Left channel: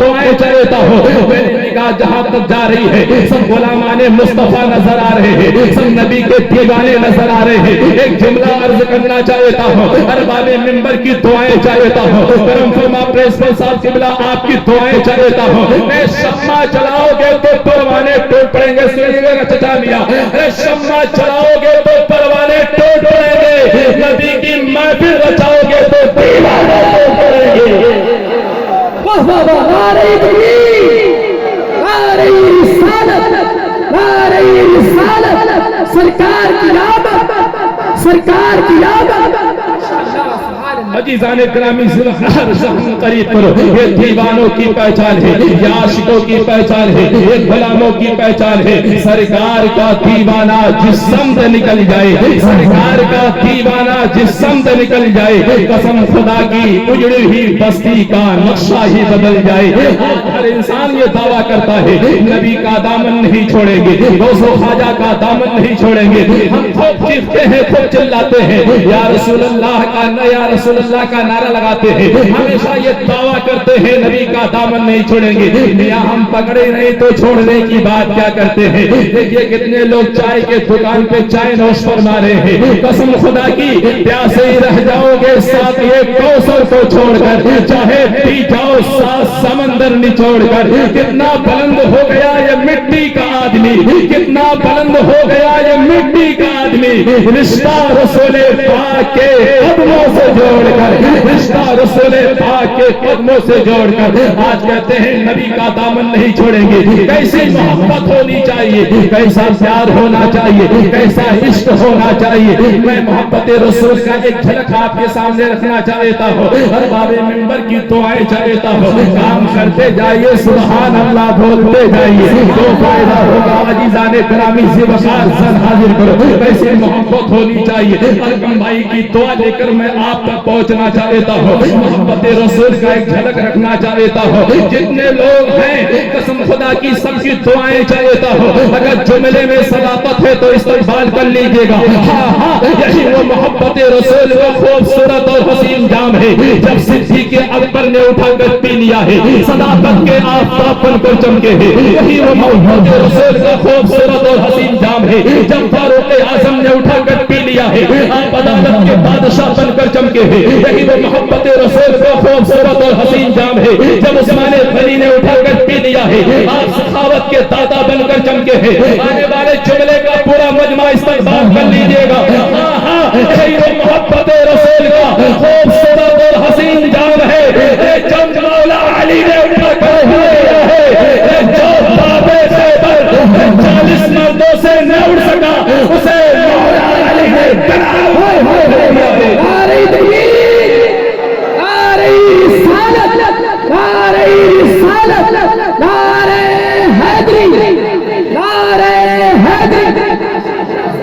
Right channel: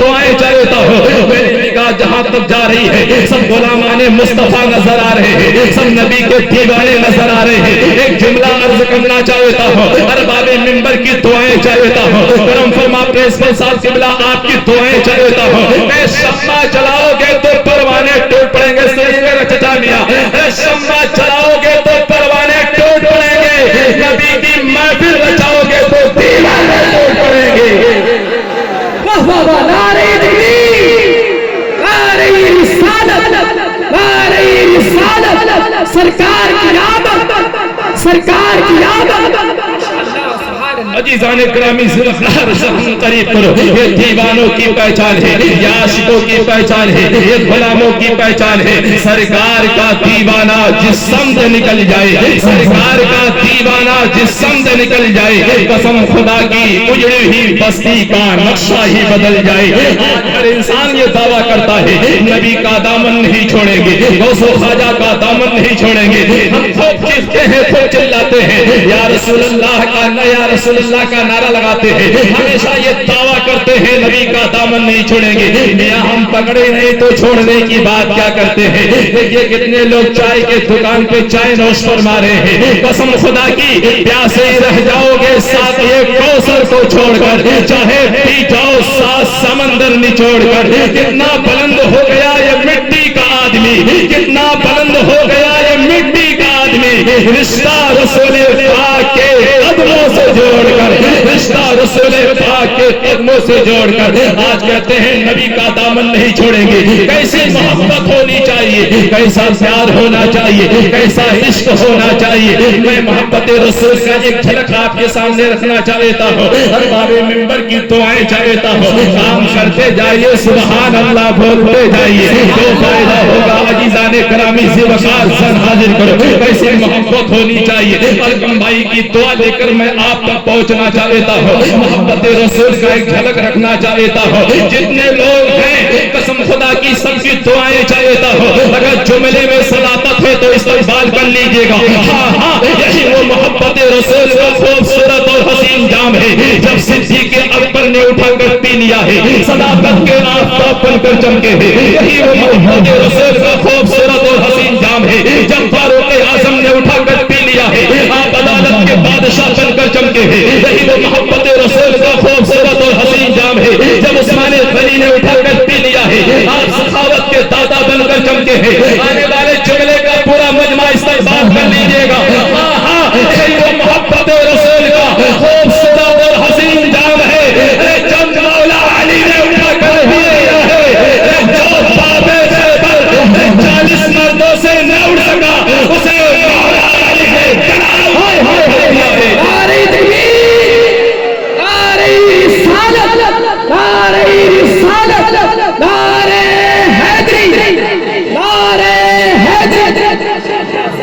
دعائیں چاہتا ہوں. میری نگاہ جہاں تک جا رہی ہے سب غلامان مصطفیٰ نظر آ رہے ہیں, سب نبی کے دیوانے نظر آ رہے ہیں. ایک جملہ عرض کرنا چاہتا ہوں, ارباب منبر کی دعائیں چاہتا ہوں, کرم فرما پرنسپل صاحب قبلہ آپ کی دعائیں چاہتا ہوں. اے شمع جلاؤ گے تو پروانے ٹوٹ پڑیں گے. سنیے میرا چچا میاں, اے شمع جلاؤ گے تو پروانے ٹوٹ پڑیں گے, نبی کی محفل رچاؤ گے تو دیوانے ٹوٹ پڑیں گے. نعرہ تکبیر, نعرہ رسالت, نعرہ رسالت, سرکار کی آمد, سرکار کی آمد. عزیزان گرامی ذوالفقار زبان قریب کرو. یہ دیوانوں کی پہچان ہے, یہ عاشقوں کی پہچان ہے, یہ غلاموں کی پہچان ہے. سرکار کا دیوانہ جس سمت نکل جائے, سرکار کا دیوانہ جس سمت نکل جائے, قسم خدا کی اجڑی ہوئی بستی کا نقشہ ہی بدل جائے. ہر انسان یہ دعویٰ کرتا ہے نبی کا دامن نہیں چھوڑیں گے, غوث و خواجہ کا دامن نہیں چھوڑیں گے. ہم خوب چیختے ہیں, خوب چلاتے ہیں, یا رسول اللہ کا, یا رسول اللہ کا نعرہ لگاتے ہیں, ہمیشہ یہ دعویٰ کرتے ہیں نبی کا دامن نہیں چھوڑیں گے. میاں ہم پکڑے نہیں تو چھوڑنے کی بات کیا کرتے ہیں. دیکھیے کتنے لوگ چائے کے دکان پہ چائے نوش فرما رہے ہیں. قسم خدا کی پیاسے ہی رہ جاؤ گے ساتھ یہ کوثر کو چھوڑ کر, چاہے پی جاؤ ساتھ سمندر نچوڑ کر. کتنا بلند ہو گیا یہ مٹی کا آدمی, کتنا بلند ہو گیا یہ مٹی کا آدمی. رشتہ رسول پاک کے قدموں سے جوڑ کر, رشتہ رسول پاک کے قدموں سے جوڑ کر آج کہتے ہیں نبی کا دامن نہیں چھوڑیں گے. کیسی محبت ہونی چاہیے, کیسا پیار ہونا چاہیے, کیسا عشق ہونا چاہیے. میں محبت رسول کا ایک جھلک آپ کے سامنے رکھنا چاہتا ہوں, ارباب منبر کی دعائیں چاہتا ہوں. کام کرتے جائیے, سبحان اللہ بولتے جائیے, تو فائدہ ہوگا. عزیزان گرامی ذوالفقار سر حاضر کرو. کیسی محبت ہونی چاہیے. الکم بھائی کی دعا لے کر میں آپ تک پہنچنا چاہتا ہوں, محبت رسول کا ایک جھلک رکھنا چاہتا ہوں. جتنے لوگ ہیں قسم خدا کی سب کی دعائیں چاہتا ہوں. اگر جملے میں صداقت ہے تو استقبال کر لیجئے گا. ہاں ہاں یہی وہ محبت رسول کا خوبصورت اور حسین جام ہے. جب صدیق اکبر نے اٹھا کر پی لیا ہے, صداقت کے آفتاب بن کر چمکے ہیں. یہی وہ محبت رسول کا خوبصورت اور حسین جام ہے. جب فاروق اعظم نے اٹھا کر پی لیا ہے, آپ عدالت کے بادشاہ بن کر چمکے ہیں. یہی وہ محبت رسول کا خوبصورت اور حسین جام ہے. جب عثمان غنی نے اٹھا کر پی لیا ہے, آپ سخاوت کے دادا بن کر چمکے ہیں. آنے والے جملے کا پورا مجمع استقبال کر لیجئے گا. ہاں ہاں یہی وہ محبت رسول کا خوبصورت اور حسین جام ہے. جب مولا علی نے اٹھا کر پی لیا ہے, جو بابے خیبر 40 مردوں سے نہ اٹھ سکا, اسے مولا علی نے جناب نعرہ تکبیر, نعرہ رسالت, نعرہ رسالت, نعرہ حیدری, نعرہ حیدری.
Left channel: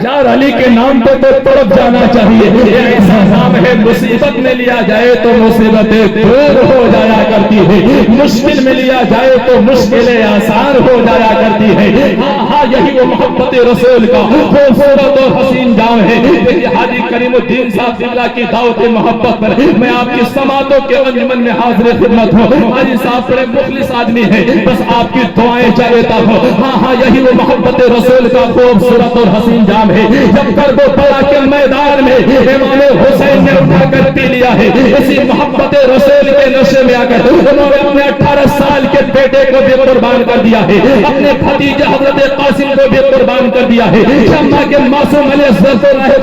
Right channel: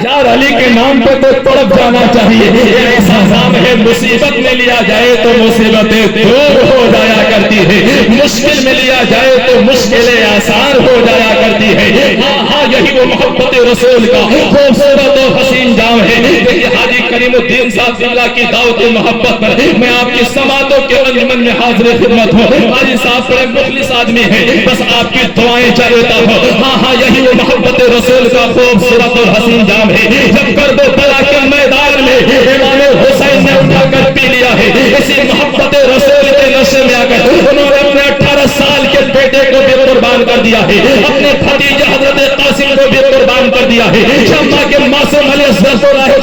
یار علی کے نام پہ تو تڑپ جانا چاہیے. ایسا نام ہے مصیبت میں لیا جائے تو مصیبتیں دور ہو جایا کرتی ہے, مشکل میں لیا جائے تو مشکلیں آسان ہو جایا کرتی ہے. ہاں ہاں یہی وہ محبت رسول کا خوبصورت اور حسین جام ہے. دیکھیے حاجی کریم الدین صاحب اللہ کی دعوت محبت پر میں آپ کی سماعتوں کے انجمن میں حاضر خدمت ہوں. حاجی صاحب بڑے مخلص آدمی ہیں, بس آپ کی دعائیں چاہتا ہوں. ہاں ہاں یہی وہ محبت رسول کا خوبصورت اور حسین جام ہے. جب کربلا کے میدان میں امام حسین نے اٹھا کر پی لیا ہے, اسی محبت رسول کے نشے میں آ کر انہوں نے اپنے 18 سال کے بیٹے کو بھی قربان کر دیا ہے, اپنے بھتیجے حضرت قاسم کو بھی قربان کر دیا ہے, شمع کے معصوم علیہ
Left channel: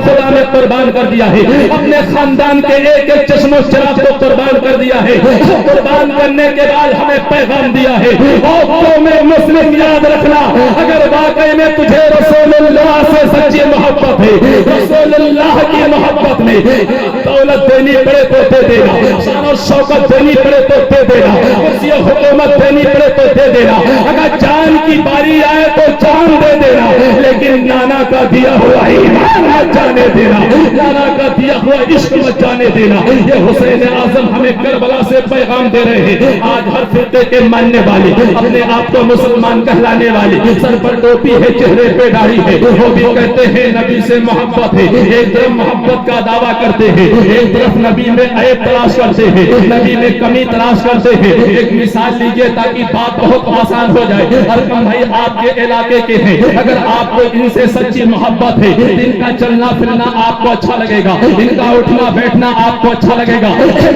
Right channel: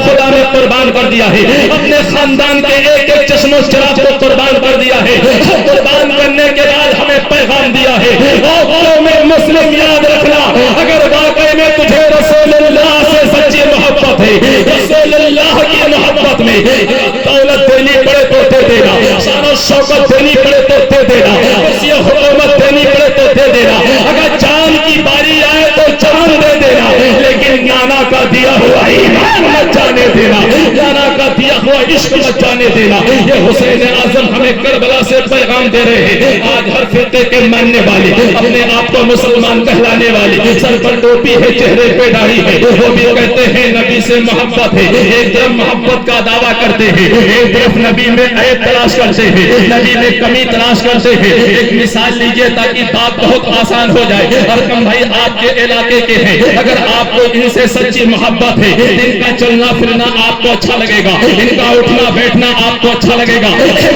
خدا نے قربان کر دیا ہے, اپنے خاندان کے ایک ایک چشم و چراغ کو قربان کر دیا ہے. قربان کرنے کے بعد ہمیں پیغام دیا ہے, قوم مسلم یاد رکھنا, اگر واقعی میں تجھے رسول اللہ سے سچی محبت ہے, رسول اللہ کی محبت میں دولت دینی پڑے تو دے دینا, شان و شوکت دینی پڑے تو دے دینا, کرسی حکومت دینی پڑے تو دے دینا, اگر جان کی باری آئے تو جان دے دینا, لیکن نانا کا دیا ہوا ایمان مت جانے دینا, نانا کا دیا ہوا عشق مت جانے دینا. یہ حسین اعظم ہمیں کربلا سے پیغام پیغام دے رہے ہیں. آج ہر فرقے کے ماننے والے, اپنے آپ کو مسلمان کہلانے والے, سر پر ٹوپی ہے, چہرے پہ داڑھی ہے, وہ بھی کہتے ہیں نبی سے محبت ہے. ایک طرف محبت کا دعویٰ کرتے ہیں, ایک طرف نبی میں عیب تلاش کرتے ہیں, نبی میں کمی تلاش کرتے ہیں. ایک مثال لیجئے تاکہ بات بہت آسان ہو جائے. ارکم بھائی آپ کے علاقے کے ہیں, اگر آپ کو ان سے سچی محبت ہے, ان کا چلنا پھرنا آپ کو اچھا لگے گا, ان کا اٹھنا بیٹھنا آپ کو اچھا لگے گا.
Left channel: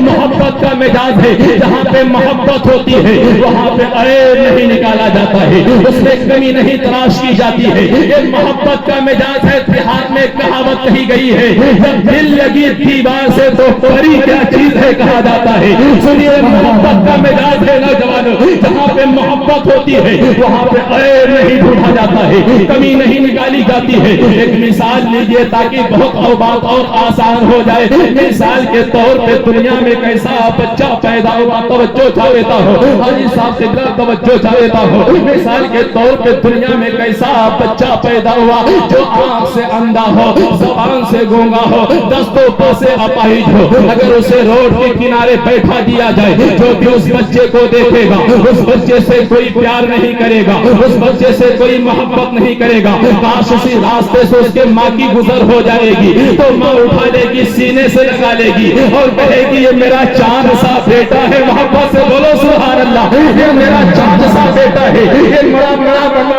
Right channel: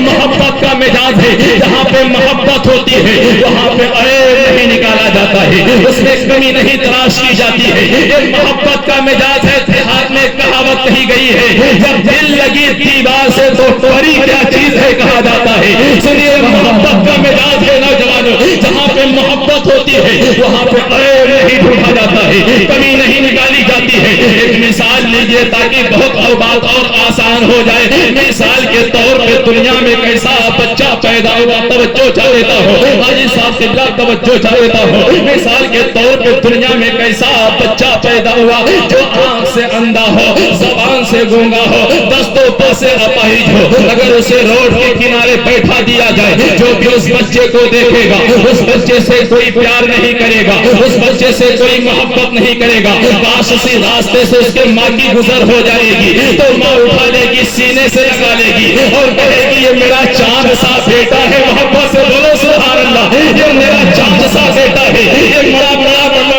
محبت کا مزاج ہے, جہاں پہ محبت ہوتی ہے وہاں پہ عیب نہیں نکالا جاتا ہے, اس میں کمی نہیں تلاش کی جاتی ہے. یہ محبت کا مزاج ہے. دیہات میں کہاوت کہی گئی ہے, جب دل لگی دیوار سے تو پری کیا چیز ہے کہا جاتا ہے. سنیے, محبت کا مزاج ہے نوجوانوں, جہاں پہ محبت ہوتی ہے وہاں پہ عیب نہیں ڈھونڈا جاتا ہے, کمی نہیں نکالی جاتی ہے. ایک مثال لیجئے تاکہ بہت بات اور آسان ہو جائے. مثال کے طور پہ دنیا میں کیسا بچہ پیدا ہوا, توجہ چاہ لیتا ہو حاجی صاحب سے, توجہ چاہ لیتا ہو. مثال کے طور پہ دنیا میں کیسا بچہ پیدا ہوا جو آنکھ سے اندھا ہو, زبان سے گونگا ہو, دستوں پا سے اپاہج ہو. اگر اسے روڈ کے کنارے بیٹھا دیا جائے, جو بھی اس بچے کو دیکھے گا اس بچے سے کوئی پیار نہیں کرے گا, اس بچے سے کوئی محبت نہیں کرے گا. کاش اسی راستے سے اس کے ماں کی گزر ہو جائے گی تو ماں اٹھا لے گی, سینے سے لگا لے گی اور کہے گی یہ میرا چاند سا بیٹا ہے. محبت سے بولو سبحان اللہ, یہ میرا چاند سا بیٹا ہے, یہ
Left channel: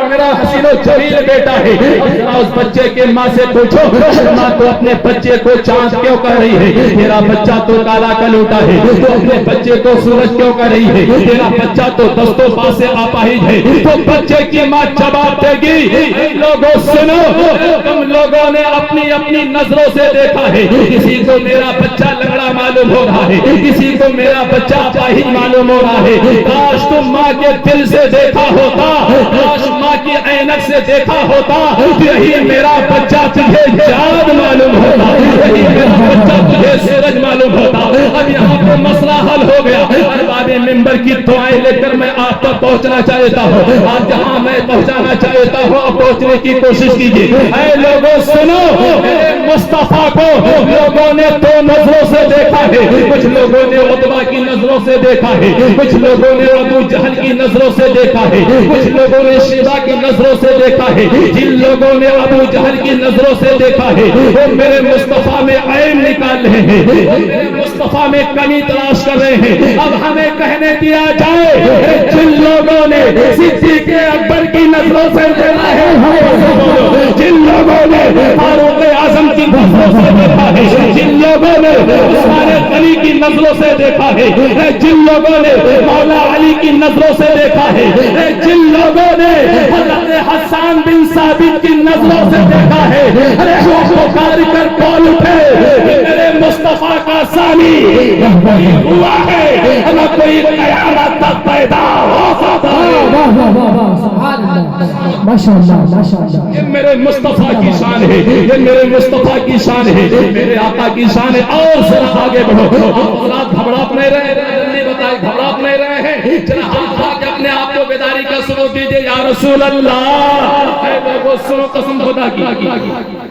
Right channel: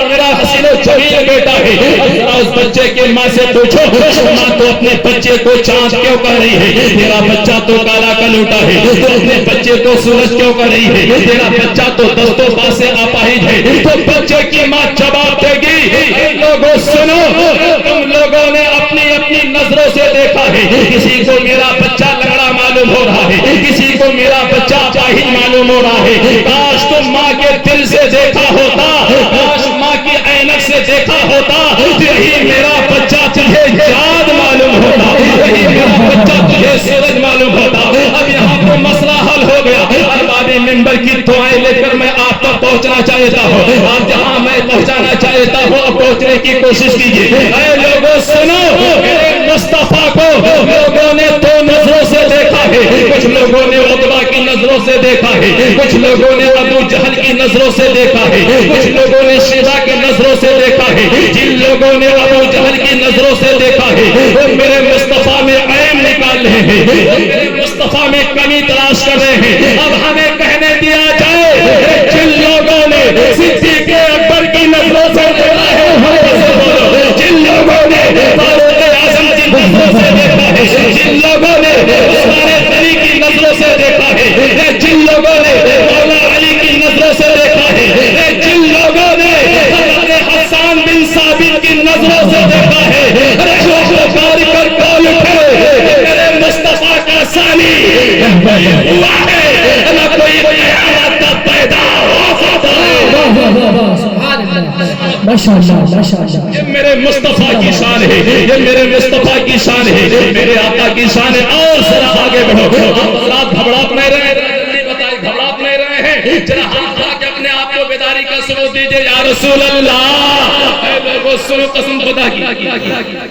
میرا حسین و جمیل بیٹا ہے. اس بچے کے ماں سے پوچھو, ماں تو اپنے بچے کو چاند کیوں کہہ رہی ہے؟ تیرا بچہ تو کالا کلوٹا ہے. تو اپنے بچے کو سورج کیوں کہہ رہی ہے؟ تیرا بچہ تو دستوں پا سے اپاہج ہے. تو بچے کی ماں جواب دے گی, لوگوں سنو, تم لوگوں نے اپنی اپنی نظروں سے دیکھا ہے. کسی کو میرا بچہ لگڑا معلوم ہو رہا ہے, کسی کو میرا بچہ اپاہج معلوم ہو رہا ہے. کاش تم ماں کے دل سے دیکھا ہوتا, کاش ماں کی عینک سے دیکھا ہوتا, یہی میرا بچہ تجھے چاند معلوم ہوتا, یہی میرا بچہ تجھے سورج معلوم ہوتا. اب یہاں پہ مسئلہ حل ہو گیا. ارباب منبر کی دعائیں لے کر میں آپ تک پہنچنا چاہتا ہوں. آپ جہاں میں پہنچانا چاہتا ہوں اب پہنچنے کی کوشش کیجیے. اے لوگوں سنو, میرے مصطفیٰ کو لوگوں نے دو نظروں سے دیکھا ہے. کچھ لوگوں نے عتبہ کی نظروں سے دیکھا ہے, کچھ لوگوں نے ابو جہل کی نظروں سے دیکھا ہے, کچھ لوگوں نے شیبہ کی نظروں سے دیکھا ہے. جن لوگوں نے ابو جہل کی نظروں سے دیکھا ہے وہ میرے مصطفیٰ میں عیب نکال رہے ہیں, وہ میرے مصطفیٰ میں کمی تلاش کر رہے ہیں. اب ہمیں کہنے دیا جائے, جن لوگوں نے صدیق اکبر کی نظروں سے دیکھا ہے, جن لوگوں نے فاروق اعظم کی نظروں سے دیکھا ہے, جن لوگوں نے عثمان غنی کی نظروں سے دیکھا ہے, جن لوگوں نے مولا علی کی نظروں سے دیکھا ہے, جن لوگوں نے حضرت حسان بن ثابت کی نظروں سے دیکھا ہے, جو پکار کر کال اٹھے میرے مصطفیٰ کا ثانی ہوا ہے, نہ کوئی قیامت تک پیدا ہو سکتا ہے. یہ میرے مصطفیٰ کی شان ہے, یہ میرے مصطفیٰ کی شان ہے, میرے آقا کی شان ہے. اور ذرا آگے بڑھو. آپ گھبراہٹ نہیں رہے, جلدی بتائیں گھبراہٹ نہیں رہے ہیں, ذرا ہاتھ اٹھا کے اپنے آپ کو بیداری کا ثبوت دیجیے. یا رسول اللہ, لوگوں سنو قسم خدا کی.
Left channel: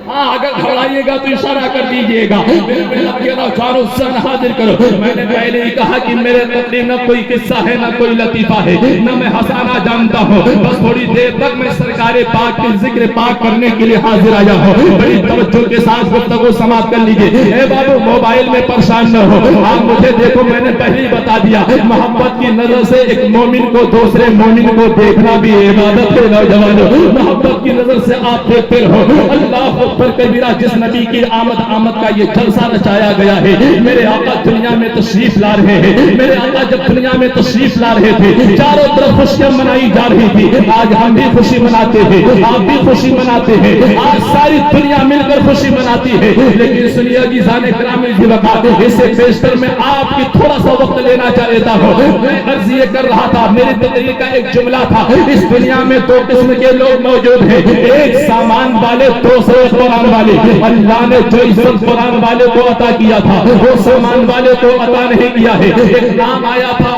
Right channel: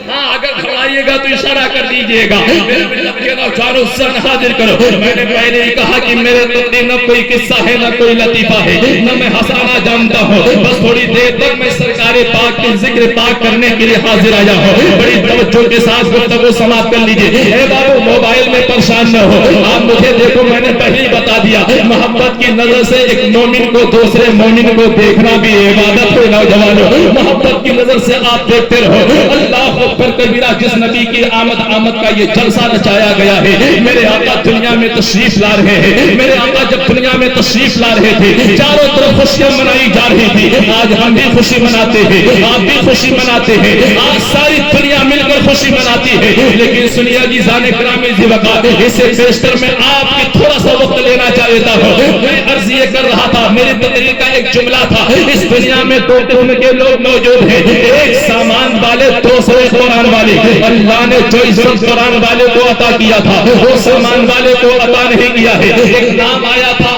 ہاں اگر گھبرائیے گا تو اشارہ کر دیجیے گا. میرے ملت کے نوجوانوں سن حاضر کرو. میں نے پہلے ہی کہا کہ میرے تقدیم نہ کوئی قصہ ہے نہ کوئی لطیفہ ہے, نہ میں ہنسانا جانتا ہوں. بس تھوڑی دیر تک میں سرکار پاک کے ذکر پاک کرنے کے لیے حاضر آیا ہوں. بڑی توجہ کے ساتھ گفتگو سماعت کر لیجیے. اے بابو موبائل میں پریشان نہ ہو, آپ مجھے دیکھو, میں نے پہلے ہی بتا دیا محبت کی نظر سے ایک مومن کو دوسرے مومن کو دیکھنا بھی عبادت ہو. نوجوانوں, محبت کی نظر سے آپ دیکھتے رہو. اللہ اکبر کبیرہ. جس نبی کی آمد کا یہ جلسہ نچایا گیا ہے, میرے آقا دنیا میں تشریف لا رہے ہیں. میرے آقا جب دنیا میں تشریف لا رہے تھے چاروں طرف خوشیاں منائی جا رہی تھی. آج ہم بھی خوشی مناتے ہیں, آپ بھی خوشی مناتے ہیں, آج ساری دنیا مل کر خوشی مناتی ہے. لیکن سنیے جیزان گرامی جی وقت, اس سے بیشتر میں آپ کی تھوڑا سا وقت لینا چاہتا ہوں. میں عرض یہ کر رہا تھا, میری تقریر کا ایک جملہ تھا, اس دنیا میں دو قسم کے لوگ موجود ہیں, ایک سامان والے, دوسرے قرآن والے. اللہ نے جو عزت قرآن والے کو عطا کیا تھا وہ سامان والے کو عطا نہیں کیا ہے. ایک نام آیا تھا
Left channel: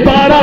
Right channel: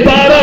12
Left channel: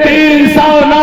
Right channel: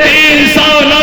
309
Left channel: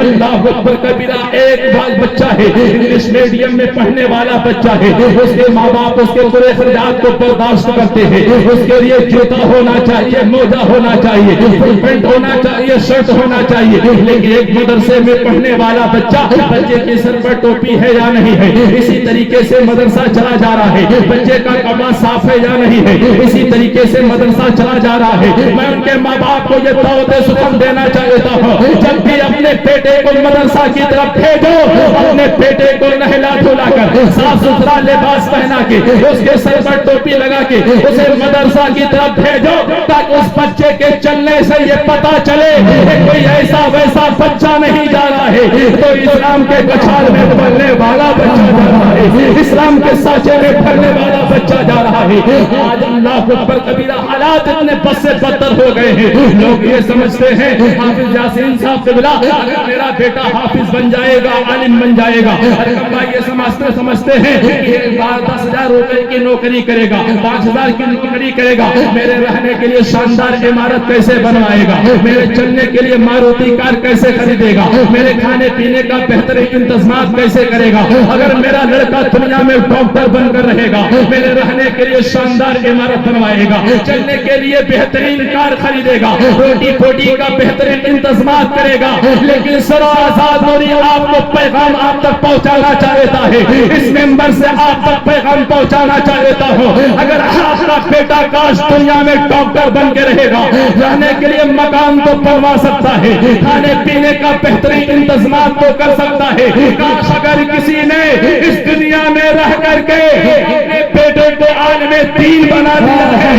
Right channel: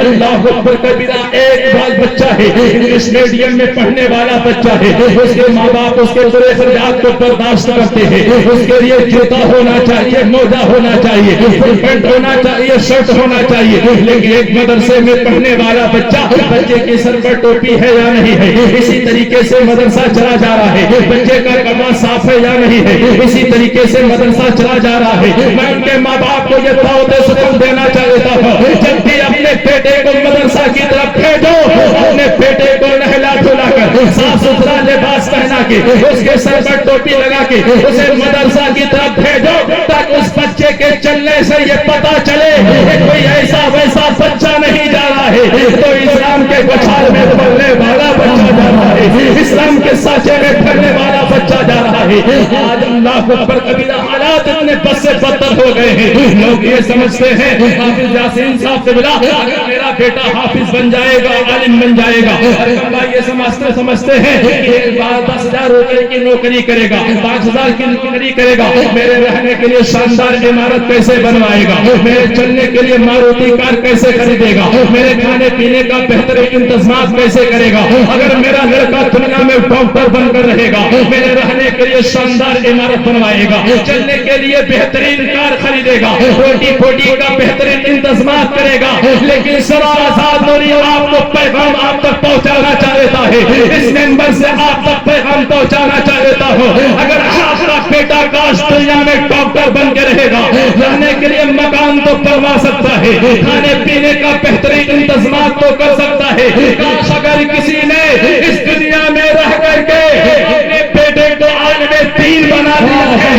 اللہ اکبر کبیرہ. ایک بچہ ہے انگلش میڈیم میں پڑھنے والا بچہ ہے, اس کے ماں باپ اس کے برے اخراجات کو برداشت کرتے ہیں. اس کے لیے جوتا ہونا چاہیے, موزہ ہونا چاہیے, پینٹ ہونا چاہیے, شرٹ ہونا چاہیے, لیکن ایک مدرسے میں پڑھنے والا بچہ, بچے کے سر پر ٹوپی ہے یا نہیں ہے, اسی طریقے سے مدرسہ چلا جا رہا ہے. بچے کا کپڑا صاف ہے یا نہیں ہے, اسی طریقے سے مدرسہ چلا جا رہا ہے. میں ان کے ماں باپ کو یہ دعوت سخن دینا چاہتا ہوں, جب بھی اپنے بیٹے کو مدرسہ کی طرف بھیجو, اپنے بیٹے کو نہلا دھلا کر صاف ستھرا لباس پہنا کے اس کے سر پر ٹوپی لگا کے اسے مدرسہ کی طرف بھیجو, تاکہ اس بچے کے چلنے سے یہ پتا چلے کہ کوئی ایسا ویسا بچہ نہیں جا رہا ہے, تو اسلام کے گچھال میں بڑھنے والا بچہ جا رہا ہے, اسلام کے سانچے میں پھرنے والا بچہ جا رہا ہے. آج اللہ اکبر کبیرہ حالات اتنے بد سے بدتر ہو گئے ہیں. لوگ یہ سمجھتے ہیں حافظ یاسین صاحب سے ملا, اگر میرا بیٹا حافظ بن جائے گا, عالم بن جائے گا, ارے اللہ یہ سمجھتے ہیں کہ 10,000 روپے کی نوکری کرے گا, 5,000 کی نوکری کرے گا, میرے رہنے کے لیے شاندار عمارت کیسے بنوائے گا, میرے چلنے کے لیے ماروتی کار کیسے خریدے گا, میرے کھانے پینے کا بہترین انتظامات کیسے کرے گا. اگر میرا لڑکا دنیا میں ڈاکٹر بن کر رہے گا, میرے رہنے کے لیے شاندار عمارت بنوائے گا, چلنے کے لیے بہترین کار خریدے گا, روٹی پھوٹی کا بہترین انتظامات کرے گا, لیکن سر آزاد نوری آپ کو پیغام آپ تک پہنچانا چاہتا ہے, اس ممبر سے آپ تک پیغام پہنچانا چاہتا ہوں. اگر آپ کا بیٹا کاش دنیا میں ڈاکٹر بن کے رہے گا, رہنے کے لیے مکان تو بنوا سکتا ہے, کھانے پینے کا بہترین انتظامات تو کر سکتا ہے, کاش اگر کسی نے اس دنیا میں رہ کر کے اپنے بیٹے کو عالم دین بنا دیا ہے,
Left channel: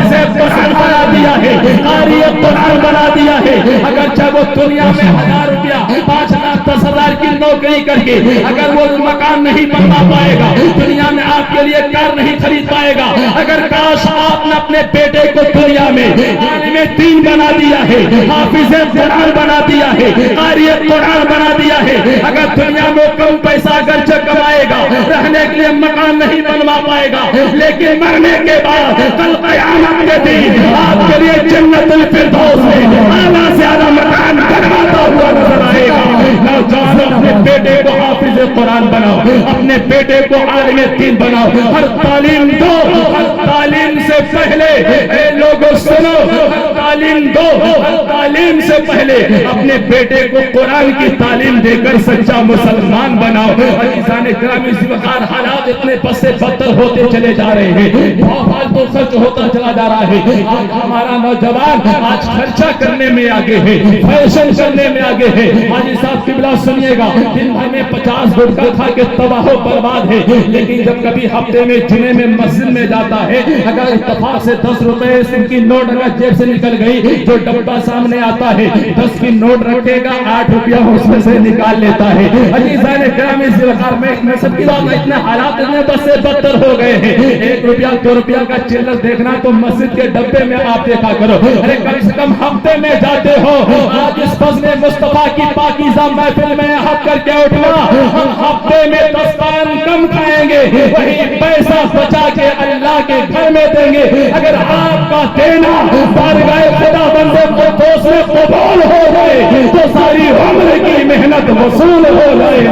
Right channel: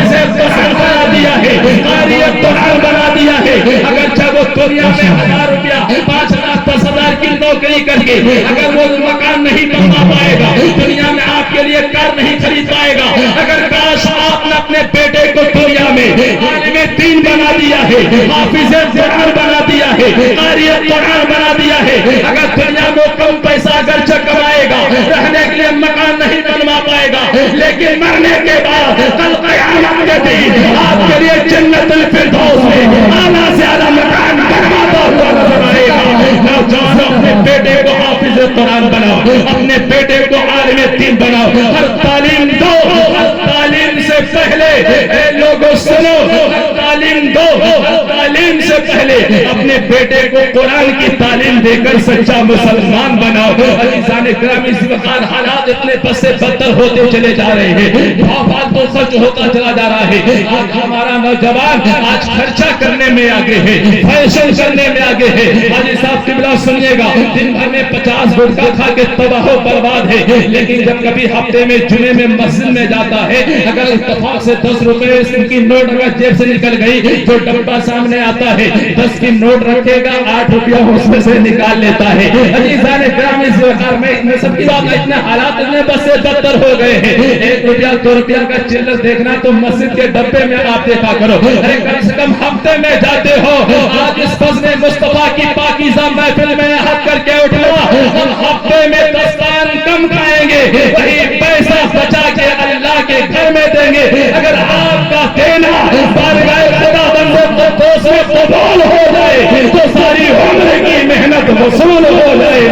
اسے مسلمان بنا دیا ہے, قاری قرآن بنا دیا ہے, اگرچہ وہ دنیا میں 1,000 روپیہ 5,000 10,000 کی نوکری کر کے اگر وہ مکان نہیں بنوا پائے گا, دنیا میں آپ کے لیے کار نہیں خرید پائے گا, اگر کاش آپ نے اپنے بیٹے کو دنیا میں عالم دین بنا دیا ہے, حافظ قرآن بنا دیا ہے, قاری قرآن بنا دیا ہے, اگر دنیا میں کم پیسہ اگرچہ کمائے گا, رہنے کے لیے مکان نہیں بنوا پائے گا, لیکن مرنے کے بعد کل قیامت کے دن آپ کے لیے جنت الفردوس میں اعلیٰ سے اعلیٰ مکان بنواتا ہوا نظر آئے گا. نوجوانوں اپنے بیٹے کو حافظ قرآن بناؤ, اپنے بیٹے کو عالم دین بناؤ, ہر تعلیم دو, ہر تعلیم سے پہلے اے لوگوں سنو, ہر تعلیم دو, ہر تعلیم سے پہلے اپنے بیٹے کو قرآن کی تعلیم دے کر سچا مسلمان بناؤ. عزیزان گرامی اس وقت حالات اتنے بد سے بدتر ہوتے چلے جا رہے ہیں, بہت تو سچ ہوتا چلا جا رہا ہے. آج ہمارا نوجوان آج خرچہ کرنے میں آگے ہے, فیشن کرنے میں آگے ہے. حاجی صاحب قبلہ سنیے گا, دن بھر میں 50 گٹکا کھا کے تباہ و برباد ہے, لیکن جب کبھی ہفتے میں جمعے میں مسجد میں جاتا ہے, اگر اتفاق سے 10 روپے کی نوٹ اگر جیب سے نکل گئی, جو ڈبہ سامنے آتا ہے 10 کی نوٹ رکھے گا, 8 روپیہ اس میں سے نکال لیتا ہے. عزیزان گرامی اس وقت میں سب کی بات, اتنے حالات اتنے بد سے بدتر ہو گئے ہیں. 1 روپیہ 2 روپیہ کا چلر دیکھنا تو مسجد کے ڈبے میں آپ دیکھا کرو, ارے کم سے کم ہفتے میں جاتے ہو. آج اس فضل مصطفیٰ کی پاکیزہ محفل میں ہاتھ کر کے اٹھا, ہم ہفتے میں 10 پان کم کھائیں گے, وہی پیسہ بچا کے اللہ کے گھر میں دیں گے. اگر آپ کا دینا بارگاہ خدا بندے کو دوسرے قبول ہو جائے تو ساری عمر کی محنت وصول ہو جائے,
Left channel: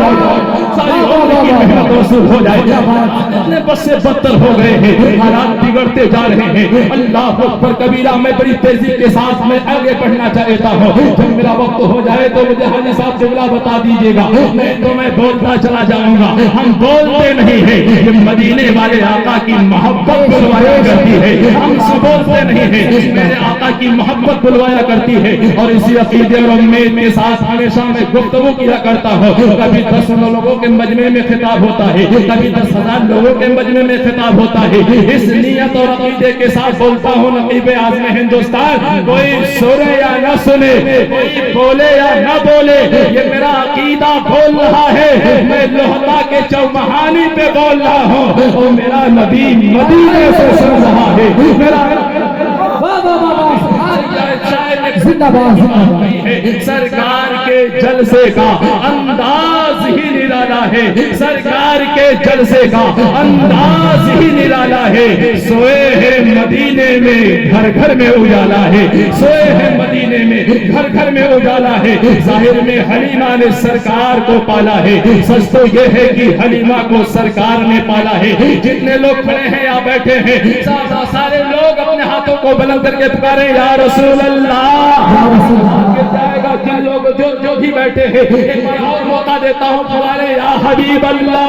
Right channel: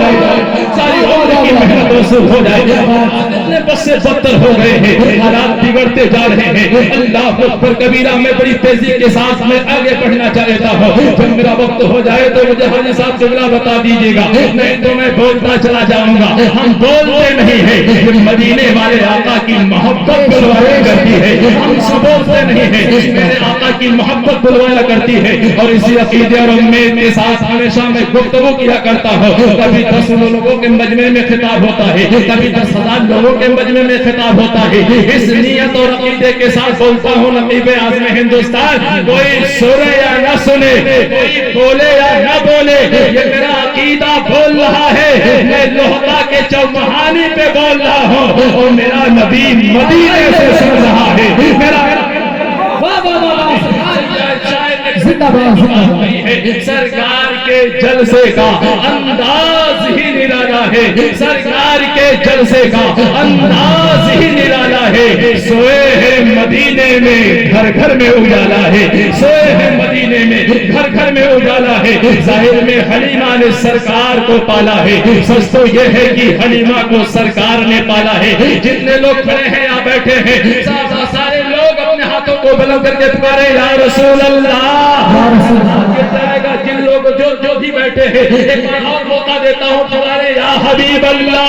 ساری عمر کی محنت وصول ہو جائے. اتنے بد سے بدتر ہو گئے ہیں, حالات بگڑتے جا رہے ہیں. اللہ اکبر کبیرہ. میں بڑی تیزی کے ساتھ میں آگے بڑھنا چاہتا ہوں, جب میرا وقت ہو جائے تو مجھے حاجی صاحب جملہ بتا دیجیے گا, نہیں تو میں بولتا چلا جاؤں گا. ہم بولتے نہیں ہیں, یہ مدینے والے آقا کی محبت بلوایا کرتی ہے, ہم سب بولتے نہیں ہیں, میرے آقا کی محبت بلوایا کرتی ہے. اور اسی عقیدے اور امید کے ساتھ ہمیشہ میں گفتگو کیا کرتا ہوں. کبھی 10 لوگوں کے مجمع میں خطاب ہوتا ہے, کبھی 10,000 لوگوں کے مجمع میں خطاب ہوتا ہے. اس نیت اور عقیدے کے ساتھ بولتا ہوں, نقیب اعظم ہندوستان کوئی سنے یا نہ سنے, کوئی بولے یا نہ بولے, یہ میرا عقیدہ بول رہا ہے. میں لوہتا کے چومہانی پہ بول رہا ہوں, اور میرا نبی مدینے سے سن رہا ہے. میرا سرکار کے جلسے کا انداز ہی نرالا ہے, سرکار کے جلسے کا انداز ہی نرالا ہے. سوئے ہیں مدینے میں گھر گھر میں اجالا ہے, سوئے ہیں مدینے میں گھر گھر میں اجالا ہے، ظاہر میں حلیمہ نے سرکار کو پالا ہے، سچ تو یہ ہے کہ حلیمہ کو سرکار نے پالا ہے۔ جتنے لوگ کھڑے ہیں یا بیٹھے ہیں، سارے لوگ اپنے ہاتھوں کو بلند کر کے پکارے یا رسول اللہ، جائے گا۔ جن لوگ جو بھی بیٹھے ہیں ایک بار اور موقع دیتا ہوں، پکارے یا حبیب اللہ۔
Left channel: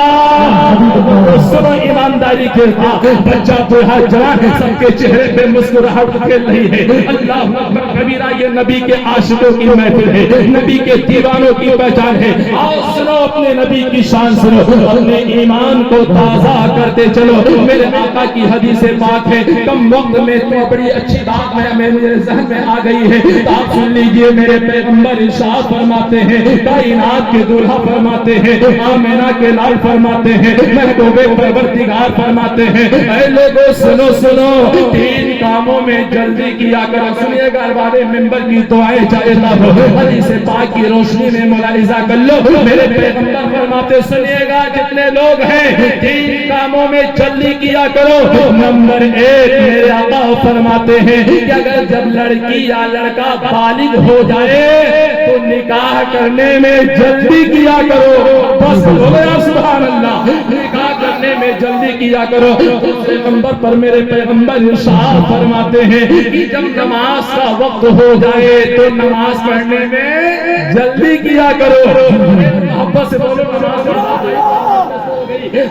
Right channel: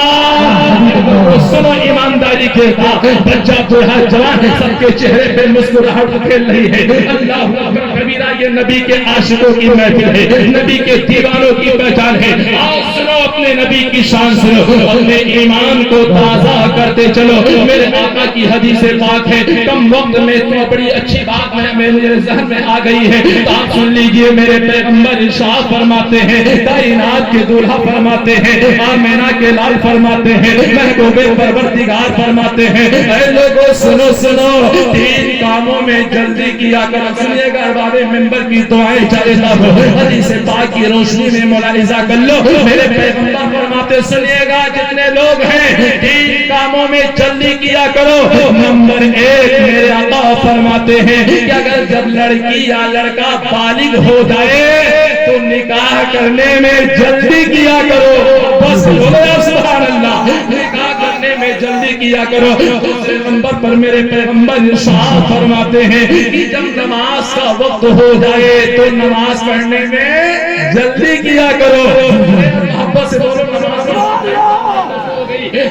سنو ایمانداری کے ساتھ، بچہ بوڑھا جوان سب کے چہرے پہ مسکراہٹ کھیل رہی ہے۔ اللہ اکبر کبیرہ، یہ نبی کے عاشقوں کی محفل ہے، نبی کے دیوانوں کی پہچان ہے۔ آؤ سنو اپنے نبی کی شان سنو، اپنے ایمان کو تازہ کرتے چلو۔ میرے آقا کی حدیث پاک ہے، کم وقت میں تو بڑی اچھی بات میرے ذہن میں آ گئی ہے، تو آپ سن لیجئے۔ میرے پیغمبر ارشاد فرماتے ہیں، کائنات کے دولہا فرماتے ہیں، آمینہ کے لال فرماتے ہیں، محبوب پروردگار فرماتے ہیں، اے لوگوں سنو سنو، تین کاموں میں جلدی کیا کرو۔ سنیے گا، ارباب منبر کی دعائیں چاہتا ہو، حدیث پاک کی روشنی میں ملاحظہ کر لو۔ میرے پیغمبر فرماتے، سنیے گا جتنے لوگ ہیں، تین کاموں میں جلدی کیا کرو۔ نمبر ایک، میرے آقا فرماتے ہیں کہ اگر جب لڑکی یا لڑکا بالغ ہو جائے تو نکاح کرنے میں جلدی کیا کرو۔ بس بولو سبحان اللہ، نکاح کرنے میں جلدی کیا کرو۔ دوسرے نمبر پر میرے پیغمبر ارشاد فرماتے ہیں کہ جب نماز کا وقت ہو جائے تو نماز پڑھنے میں جلدی کیا کرو۔ محبت سے بولو،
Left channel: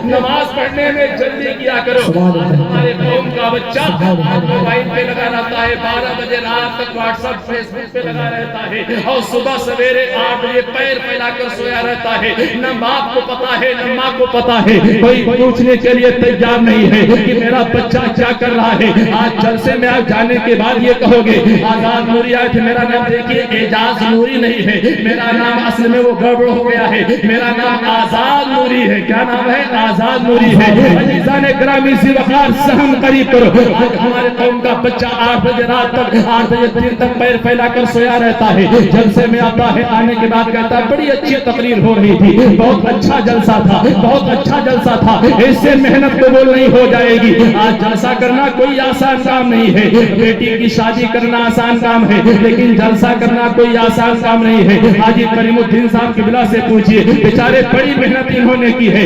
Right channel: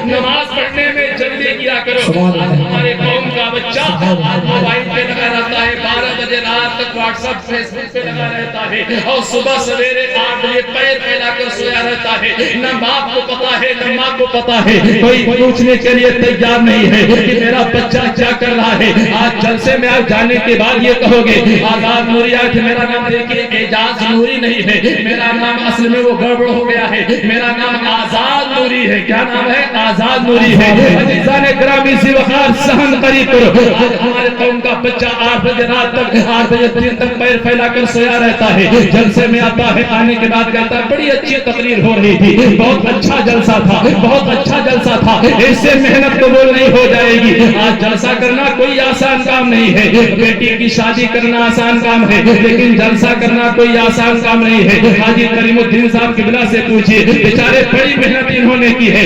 نماز پڑھنے میں جلدی کیا کرو۔ ہمارے قوم کا بچہ موبائل پہ لگا رہتا ہے، 12 بجے رات تک واٹس ایپ فیس بک پہ لگا رہتا ہے، اور صبح سویرے 8 بجے پیر پھیلا کر سویا رہتا ہے۔ نہ باپ کو پتا ہے نہ ماں کو پتا ہے، کوئی پوچھنے کے لیے تیار نہیں ہے کہ میرا بچہ کیا کر رہا ہے۔ آج جلسے میں آپ جانے کے بعد یہ کہو گے آزاد نوری، آج میرا نام دیکھیے اعجاز نوری نہیں ہے، میرا نام اصل میں وہ گڑبڑ ہو گیا ہے، میرا نام آزاد نوری ہے۔ کیا نام ہے؟ آزاد نوری ہے۔ عزیزان گرامی سی وقار سہن قریب کرو۔ آج ہمارے قوم کا بچہ 8 بجے رات تک 8 بجے دن تک پیر پھیلا کر سویا رہتا ہے، جلسے میں آتا ہے، آنے کے بعد کہتا ہے بڑی اچھی تقریر ہو رہی تھی، بہت اچھا جلسہ تھا، بہت اچھا جلسہ تھا، اس سے محنت قبول نہیں ہو جائے گی۔ آج جلسہ کرنا کوئی آسان کام نہیں ہے، بیٹی کی شادی کرنا آسان کام ہے، لیکن جلسہ کرنا کوئی آسان کام نہیں ہے۔ حاجی کریم الدین صاحب قبلہ سے پوچھئے، بیچارے بڑی محنت انہوں نے کی ہے،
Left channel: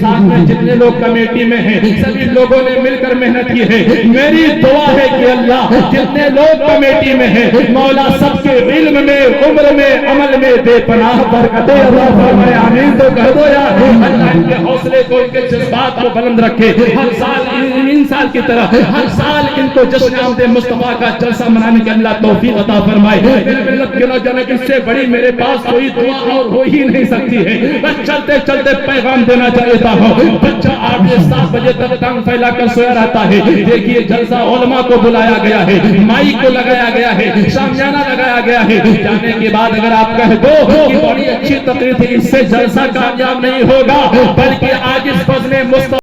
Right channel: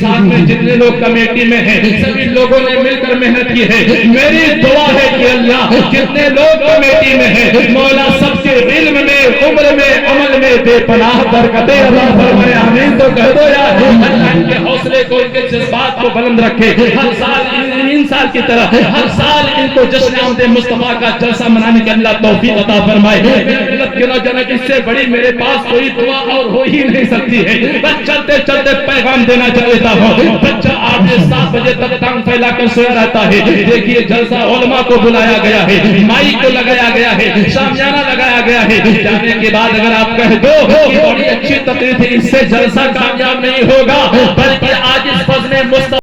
ساتھ میں جتنے لوگ کمیٹی میں ہیں سبھی لوگوں نے مل کر محنت کی ہے۔ میری دعا ہے کہ اللہ جتنے لوگ کمیٹی میں ہیں، مولا سب کے علم میں، عمر میں، عمل میں بے پناہ برکتیں عطا فرمائے، آمین تو کہہ دو یار۔ اللہ ان کے حوصلے کو، ان کے جذبات کو بلند رکھے، ہر سال ان سال کی طرح ہر سال ان کو جشن آمد مصطفیٰ کا جلسہ منانے کی اللہ توفیق عطا فرمائے۔ میرے ملت کے نوجوانوں، اس سے بڑی میرے پاس کوئی دعا اور ہو ہی نہیں سکتی ہے۔ بس چلتے چلتے پیغام دینا چاہتا ہوں، بچہ 8 سے 7 بجے تک ٹانگ پھیلا کر سویا رہتا ہے۔ دیکھیے جلسہ علماء کو بلایا گیا ہے، مائک کو لگایا گیا ہے، شامیانہ لگایا گیا ہے۔ جانے کے بعد اگر آپ کہہ دو کہ بڑی اچھی تقریر تھی، اس سے جلسہ کامیاب نہیں ہوگا، بلکہ آج اس فضل مصطفیٰ